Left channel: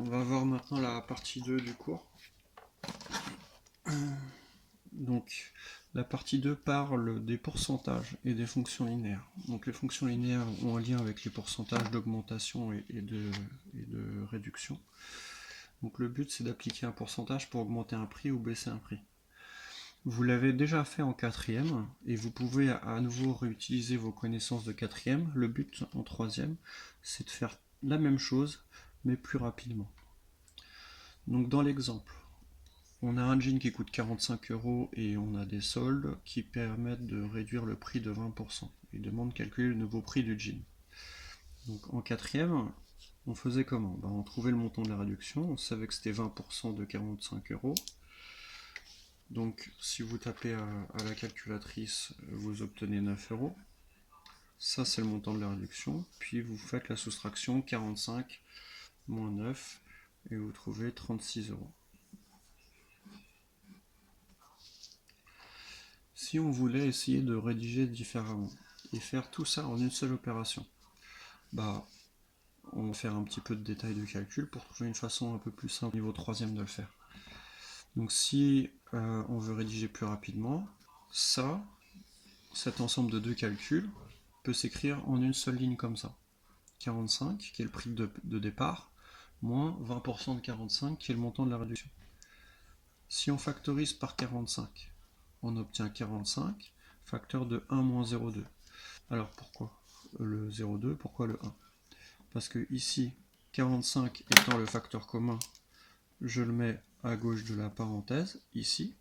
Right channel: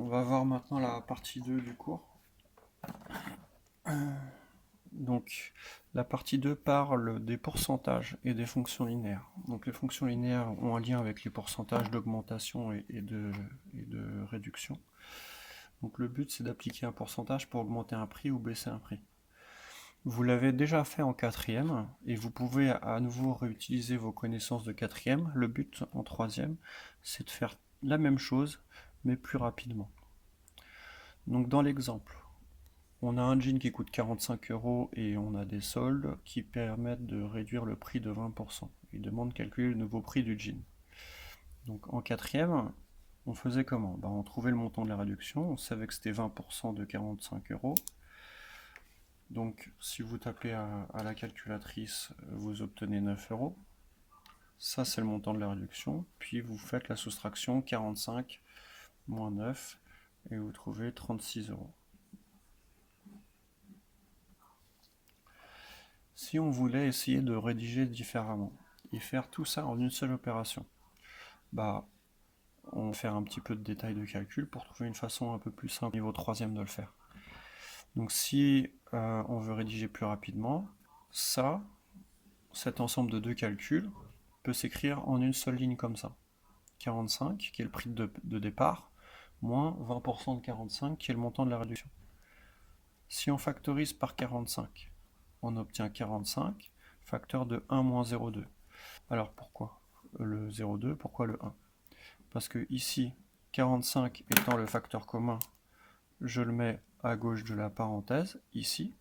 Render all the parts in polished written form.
On va voir maintenant la partie 2 du cours. Donc, la partie 2 parle des pourcentages et des fonctions linéaires. Donc, les fonctions linéaires ont un lien avec les pourcentages d'augmentation et de réduction. Donc, le but, c'est d'appliquer un pourcentage pour augmenter un prix ou baisser un prix. Vous l'avez déjà fait en quatrième, et vous pouvez à nouveau réutiliser vos connaissances de quatrième. Le but en troisième, c'est de faire la même chose, mais plus rapidement. Donc, dans l'exemple, on a un jean qui coûte 45 € et on a des soldes qui permettent de réduire le prix de 20%. Il demande de calculer le nouveau prix du jean. Donc en quatrième, on faisait comment? On trouvait le montant de la réduction, on savait que c'était 20% de 45 €. Donc si vous tapez à la calculatrice, vous obtenez 9 €. Ça c'est le montant de la réduction. Puis vous faites la soustraction 45 moins 9 et vous trouvez 36 €. Si on voulait essayer de rédiger différemment et faire tout ça en une seule opération, on va faire un petit peu de détail de calcul pour trouver une façon un peu plus simple au niveau troisième de le faire. Donc si on veut rédiger plus rapidement, cet ensemble de deux calculs peut s'écrire en une seule ligne comme ça. 45 qui est le prix de départ, moins 20% de 45 qui est le montant de la réduction. Si on factorise par 45, on obtient 45, facteur de 1 moins 0,2. Alors pourquoi le 0,2, pourquoi le 1? Parce que ici, 45 étant le facteur commun, je le mets à gauche de la parenthèse, ici.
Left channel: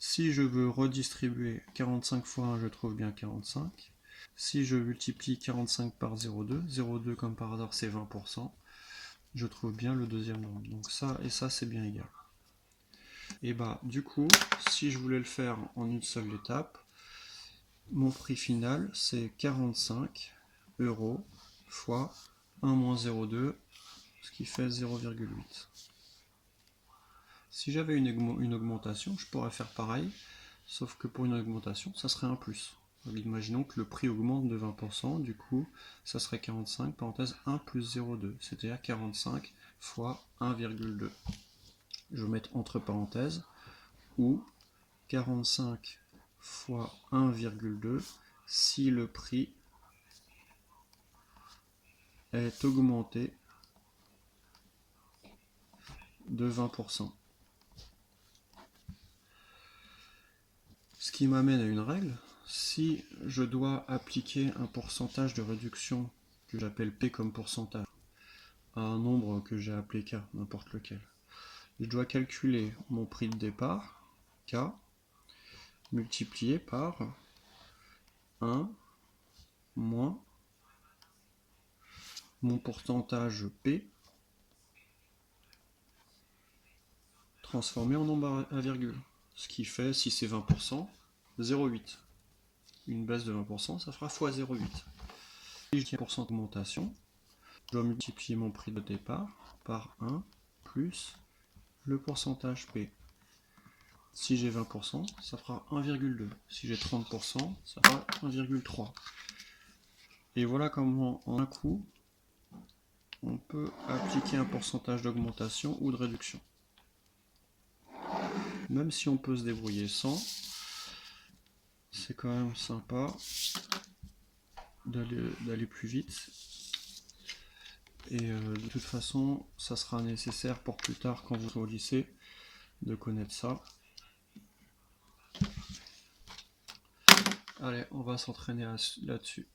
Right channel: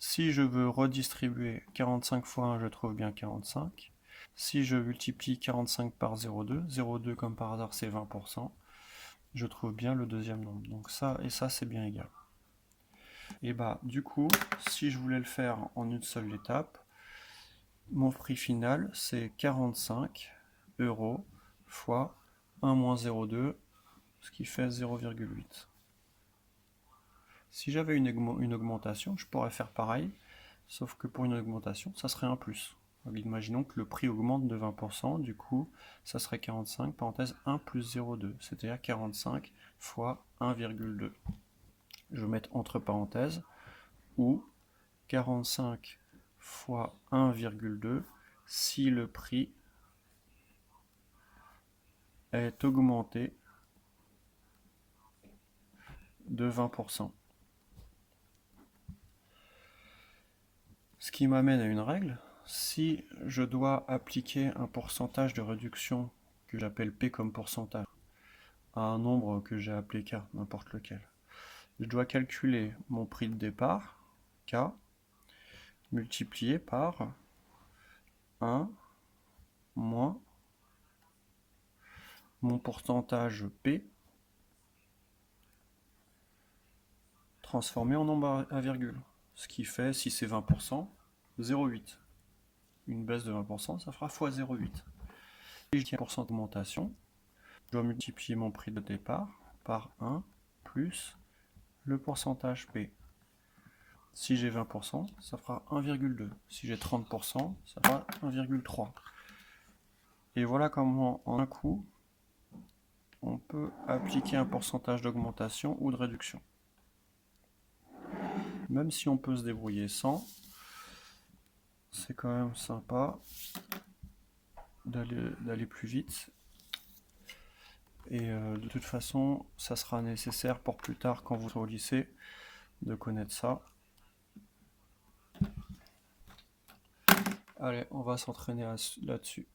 Si je veux redistribuer 45 fois 1, je trouve bien 45. Si je multiplie 45 par 0,2, 0,2 comme par hasard c'est 20%, je trouve bien le deuxième nombre. Donc ça et ça c'est bien égal. Et du coup, si je voulais le faire en une seule étape, mon prix final c'est 45 € fois 1 moins 0,2, ce qui fait 0,8. Si j'avais une augmentation, je pourrais faire pareil, sauf que pour une augmentation, ça serait un plus. Donc, imaginons que le prix augmente de 20%, du coup, ça serait 45, parenthèse 1 plus 0,2, c'est-à-dire 45 fois 1,2. Je vais mettre entre parenthèses, ou 45 fois 1,2 si le prix est augmenté de 20%. Ce qui m'amène à une règle. Si je dois appliquer un pourcentage de réduction que j'appelle P comme pourcentage à un nombre que j'ai appelé K, n'importe lequel, je dois calculer mon prix de départ, K, multiplié par 1 moins mon pourcentage P transformé en nombre à virgule. Ce qui fait, si c'est 20%, 0,8. Une baisse de 20%, ça fera fois 0,8. Si je tiens % d'augmentation, je dois multiplier mon prix de départ par 1 plus le pourcentage P. Si j'ai 20%, ça fera 1,2. Si j'ai 30%, ça fera 1,3. Et voilà comment, en un coup, on peut appliquer un pourcentage d'augmentation ou de réduction. Même si on peut se débrouiller sans, c'est quand même sympa d'aller plus vite. Et de toute façon, ça sera nécessaire pour plus tard, quand vous serez au lycée, de connaître ça. Allez, on va s'entraîner là-dessus.